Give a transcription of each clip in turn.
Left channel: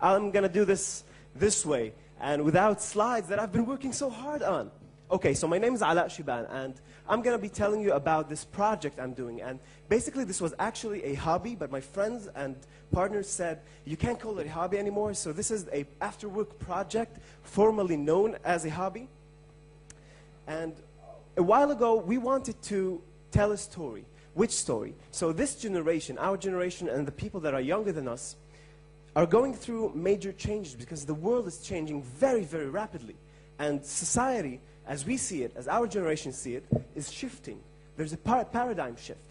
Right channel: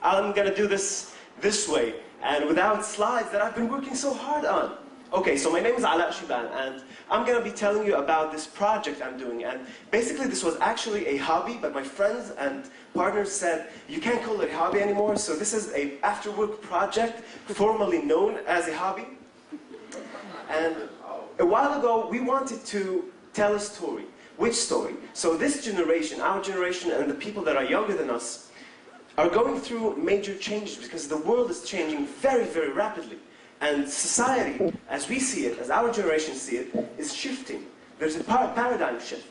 I'm going to do this way, and without slides that I've been working so hard on. Okay, so my name is Shiban, and I'm going to be telling you about this project I'm doing. And basically, this was actually a hobby, but my friends and partners said, you can't call it a hobby anymore, so this is an after-work project, formerly known as a hobby. And a while ago, we wanted to tell a story. Which story? So this generation, our generation, and the people that are younger than us, are going through major changes because the world is changing very, very rapidly. And society, as we see it, as our generation see it, is shifting. There's a paradigm shift.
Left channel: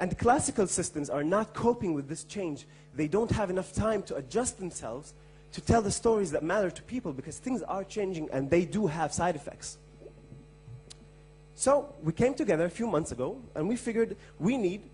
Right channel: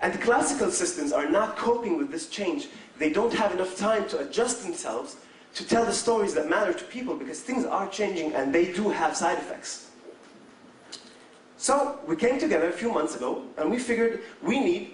And the classical systems are not coping with this change. They don't have enough time to adjust themselves to tell the stories that matter to people because things are changing and they do have side effects. So we came together a few months ago and we figured we need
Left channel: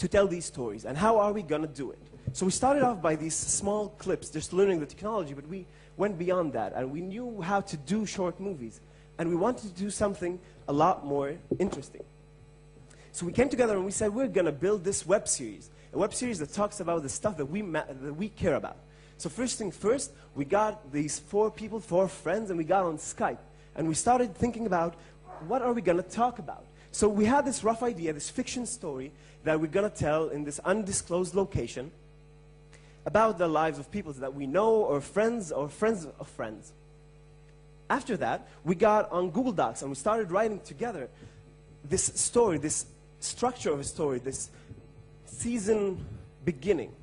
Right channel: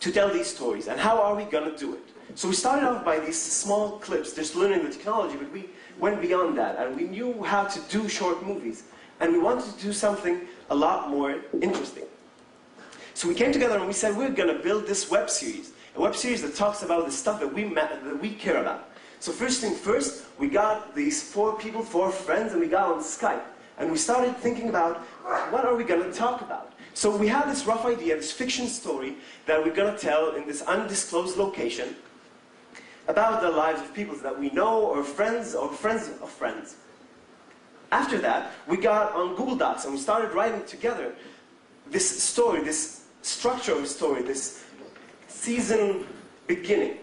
to tell these stories. And how are we going to do it? So we started off by these small clips, just learning the technology, but we went beyond that, and we knew how to do short movies, and we wanted to do something a lot more interesting. So we came together and we said, we're going to build this web series, a web series that talks about the stuff that we care about. So first thing first, we got these 4 people, 4 friends, and we got on Skype, and we started thinking about, what are we going to talk about? So we had this rough idea, this fiction story that we're going to tell in this undisclosed location, about the lives of people that we know, or friends of friends. After that, we got on Google Docs and we started writing together this story, this structure of a story, this season beginning.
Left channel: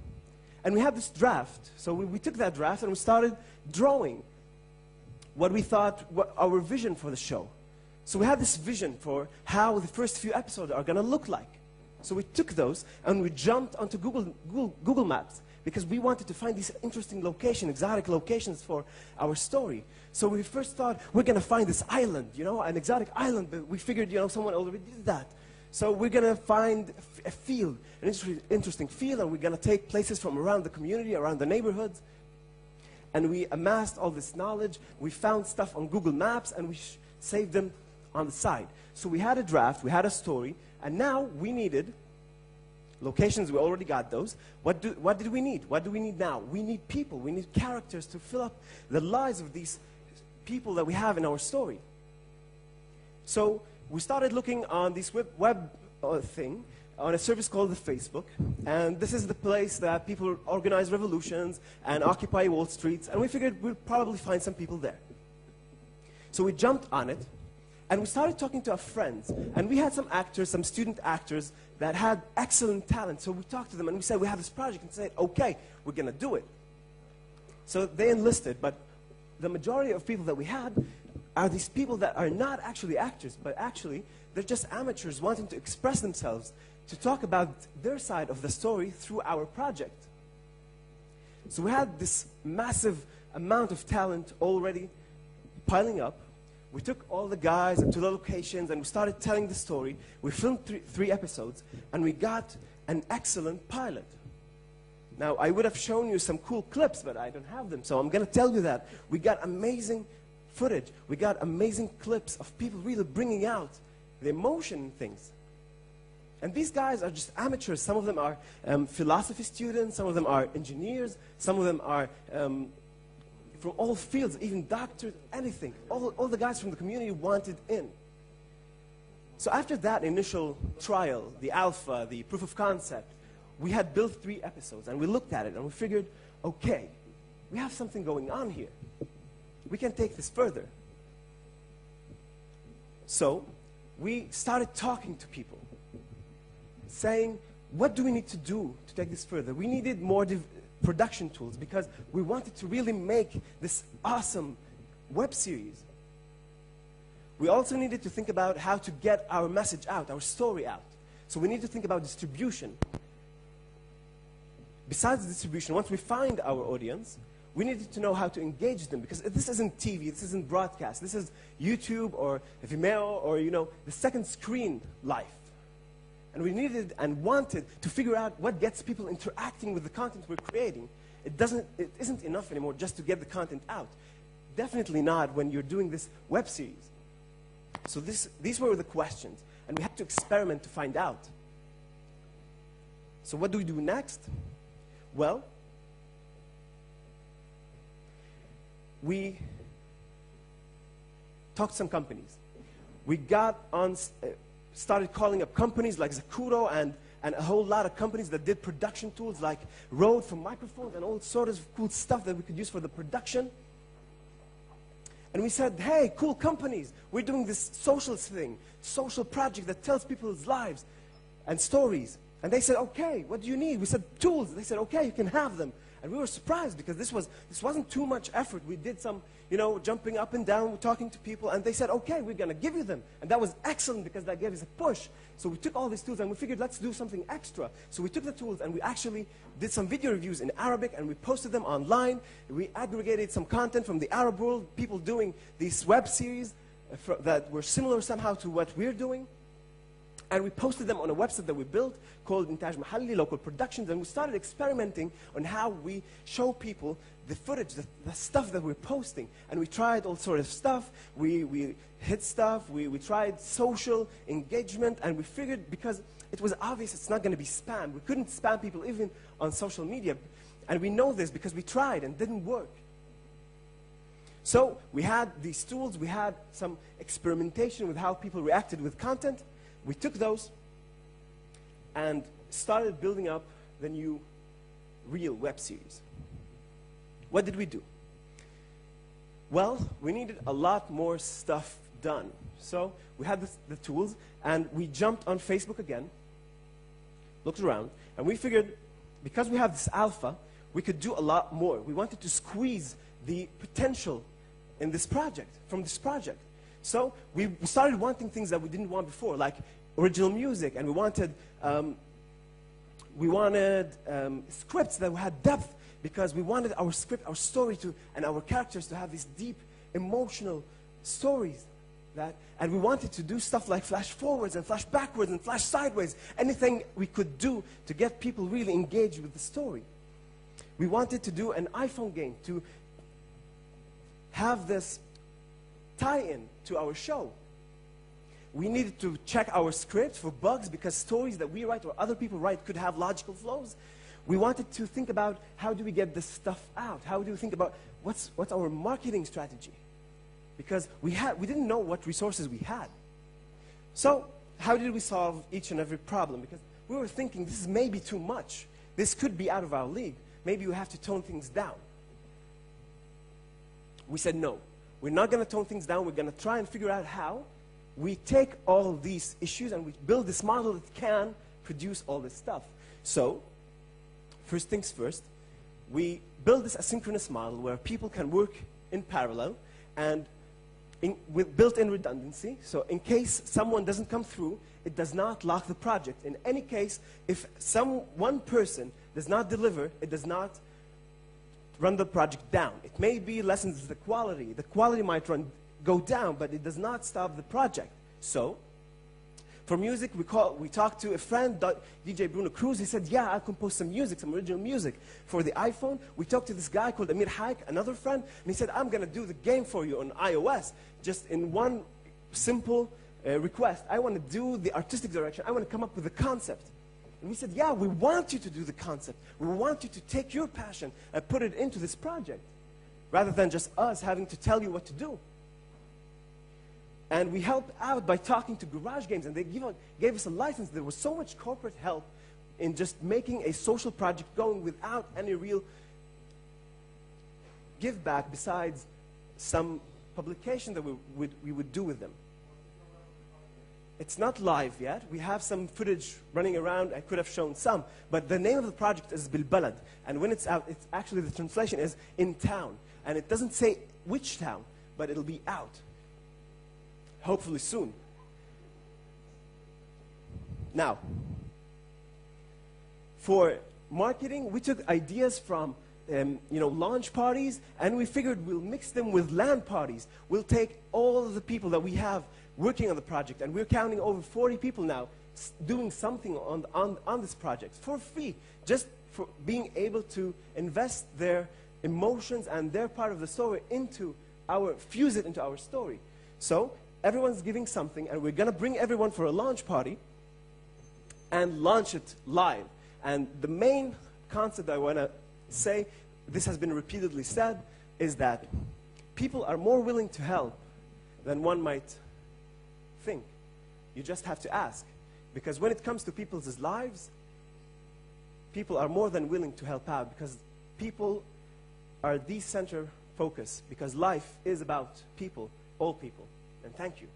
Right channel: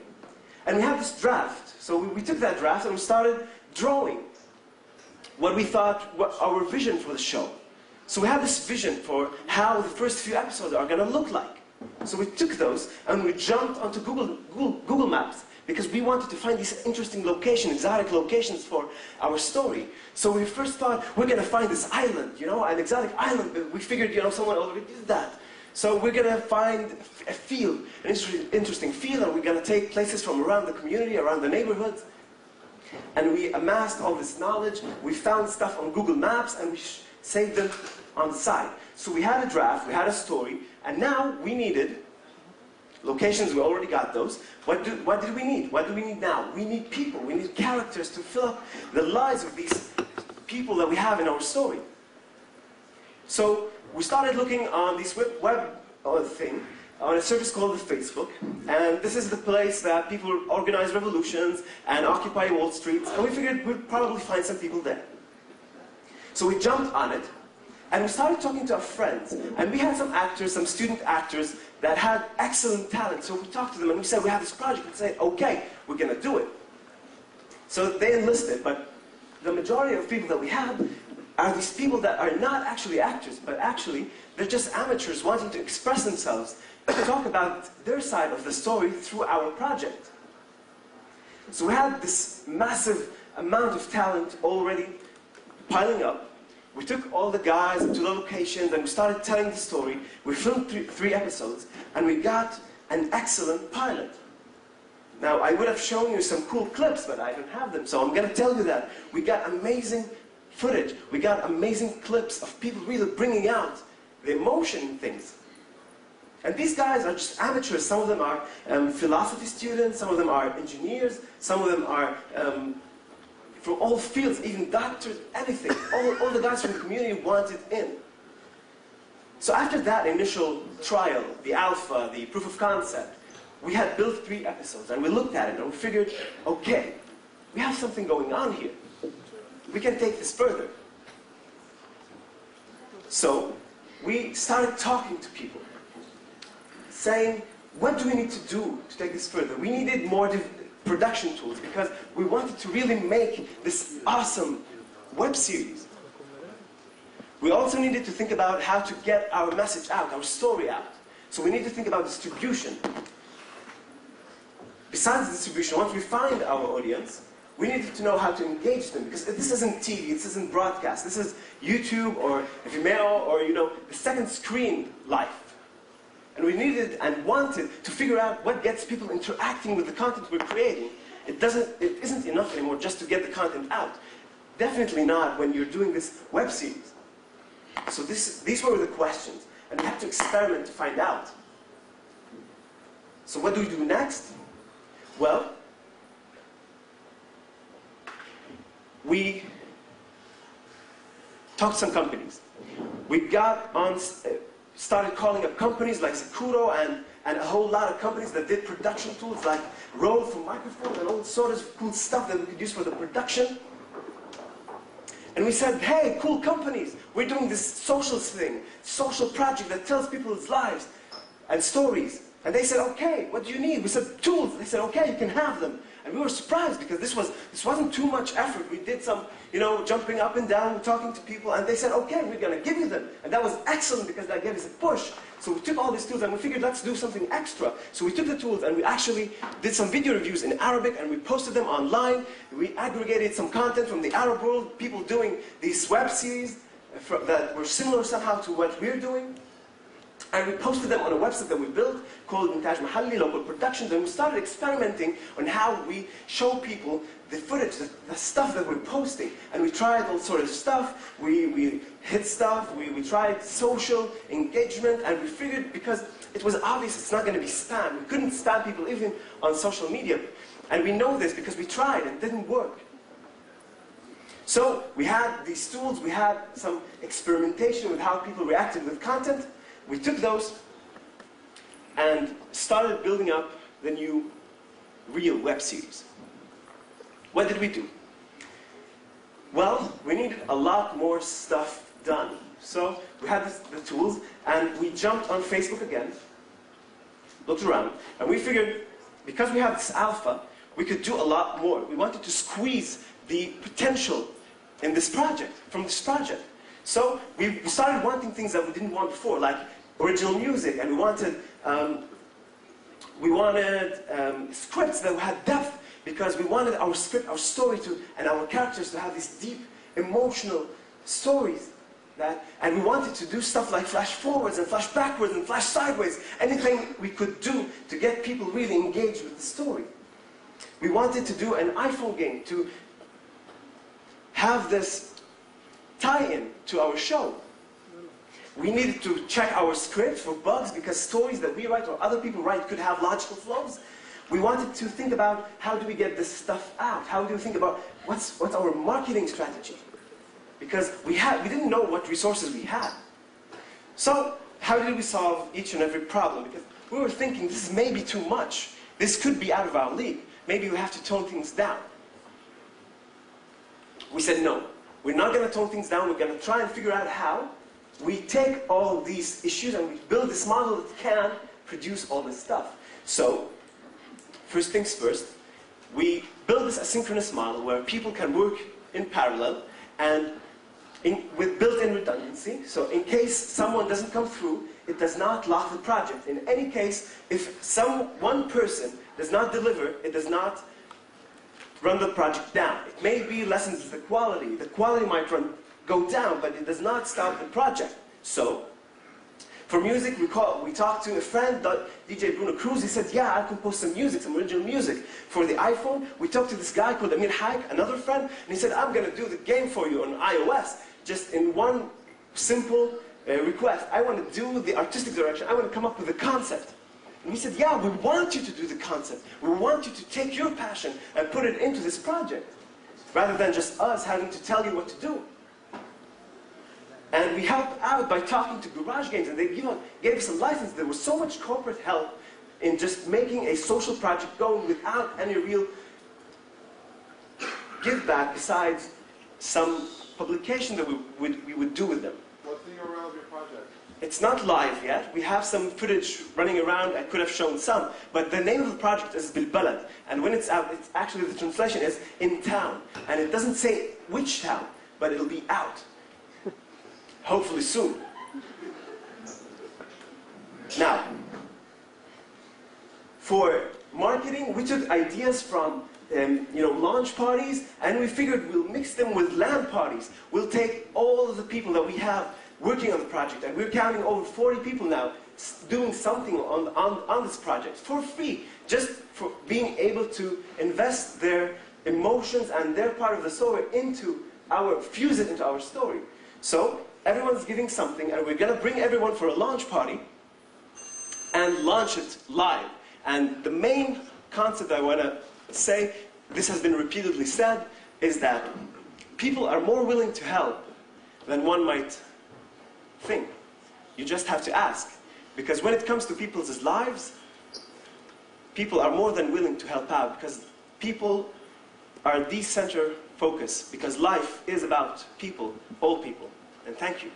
And we had this draft. So we took that draft and we started drawing what we thought, what our vision for the show. So we had this vision for how the first few episodes are going to look like. So we took those and we jumped onto Google Maps, because we wanted to find these interesting locations, exotic locations for our story. So we first thought, we're going to find this island, an exotic island. But we figured, someone already did that. So we're going to find a field, an interesting field, and we're going to take places from around the community, around the neighborhoods. And we amassed all this knowledge. We found stuff on Google Maps, and we saved them on the side. So we had a draft, we had a story, and now we needed locations. We already got those. What did we need? What do we need now? We need people. We need characters to fill up the lives of these people that we have in our story. So we started looking on this web thing, on a service called the Facebook. And this is the place that people organize revolutions and occupy Wall Street. And we figured we'd probably find some people there. So we jumped on it. And we started talking to our friends. And we had some actors, some student actors, that had excellent talent. So we talked to them and we said, we have this project. And they said, okay, we're going to do it. So they enlisted, but the majority of people that we have are these people that are not actually actors, but actually they're just amateurs wanting to express themselves and talk about their side of the story through our project. So we had this massive amount of talent already piling up. We took all the guys to the locations and we started telling the story. We filmed 3 episodes and we got an excellent pilot. Now, I would have shown you some cool clips, but I don't have them, so I'm going to tell you that. We got amazing footage. We got amazing clips of people really bringing out the emotion in things. And these guys are just amateurs. Some of them are philosophy students, some of them are engineers, some of them are from all fields, even doctors, anything. All the guys from the community wanted in. So after that initial trial, the alpha, the proof of concept, we had built 3 episodes, and we looked at it, and we figured, okay, we have something going on here. We can take this further. So we started talking to people, saying, what do we need to do to take this further? We needed more production tools because we wanted to really make this awesome web series. We also needed to think about how to get our message out, our story out. So we need to think about distribution. Besides distribution, once we find our audience, we needed to know how to engage them, because this isn't TV, this isn't broadcast, this is YouTube or Vimeo or the second screen life. And we needed and wanted to figure out what gets people interacting with the content we're creating. It isn't enough anymore just to get the content out. Definitely not when you're doing this web series. So these were the questions, and we had to experiment to find out. So what do we do next? Well, we talked to some companies. We got on, started calling up companies like Zakuro and a whole lot of companies that did production tools like Rode for microphones and all sorts of cool stuff that we could use for the production. And we said, hey, cool companies, we're doing this social thing, social project that tells people's lives and stories. And they said, okay, what do you need? We said, tools. They said, okay, you can have them. And we were surprised because this wasn't too much effort. We did some, jumping up and down, talking to people, and they said, okay, we're going to give you them. And that was excellent because that gave us a push. So we took all these tools and we figured, let's do something extra. So we took the tools and we actually did some video reviews in Arabic and we posted them online. We aggregated some content from the Arab world, people doing these web series that were similar somehow to what we're doing. And we posted them on a website that we built called Montage Mahalli, Local Productions, and we started experimenting on how we show people the footage, the stuff that we're posting. And we tried all sorts of stuff. We hit stuff. We tried social engagement, and we figured because it was obvious it's not going to be spam. We couldn't spam people even on social media. And we know this because we tried and it didn't work. So we had these tools. We had some experimentation with how people reacted with content. We took those and started building up the new real web series. What did we do? Well, we needed a lot more stuff done. So we had the tools, and we jumped on Facebook again, looked around, and we figured, because we have this alpha, we could do a lot more. We wanted to squeeze the potential in this project, from this project. So we started wanting things that we didn't want before, like original music, and we wanted scripts that had depth, because we wanted our script, our story and our characters to have these deep, emotional stories. And we wanted to do stuff like flash forwards and flash backwards and flash sideways, anything we could do to get people really engaged with the story. We wanted to do an iPhone game to have this tie-in to our show. We needed to check our script for bugs because stories that we write or other people write could have logical flaws. We wanted to think about how do we get this stuff out? How do we think about what's our marketing strategy? Because we didn't know what resources we had. So how did we solve each and every problem? Because we were thinking this may be too much. This could be out of our league. Maybe we have to tone things down. We said no. We're not going to tone things down. We're going to try and figure out how we take all these issues and we build this model that can produce all this stuff. So, first things first, we build this asynchronous model where people can work in parallel and with built-in redundancy. So in case someone doesn't come through, it does not lock the project. In any case, if one person does not deliver, it does not run the project down. It may be lessens the quality. The quality might go down, but it does not stop the project. So, for music, we talked to a friend, DJ Bruno Cruz. He said, yeah, I compose some music, some original music. For the iPhone, we talked to this guy called Amir Haik, another friend, and he said, I'm going to do the game for you on iOS, just in one simple request. I want to do the artistic direction. I want to come up with a concept. And he said, yeah, we want you to do the concept. We want you to take your passion and put it into this project, rather than just us having to tell you what to do. And we helped out by talking to garage games, and they gave us a license. There was so much corporate help in just making a social project going without any real give back besides some publication that we would do with them. What's the URL of your project? It's not live yet. We have some footage running around. I could have shown some. But the name of the project is Bilbalad. And when it's out, it's actually, the translation is in town. And it doesn't say which town, but it'll be out. Hopefully soon. Now, for marketing, we took ideas from launch parties, and we figured we'll mix them with LAN parties. We'll take all of the people that we have working on the project, and we're counting over 40 people now doing something on this project for free, just for being able to invest their emotions and their part of the story fuse it into our story. So everyone's giving something, and we're going to bring everyone for a launch party and launch it live. And the main concept I want to say, this has been repeatedly said, is that people are more willing to help than one might think. You just have to ask. Because when it comes to people's lives, people are more than willing to help out, because people are the center focus, because life is about people, all people. And thank you.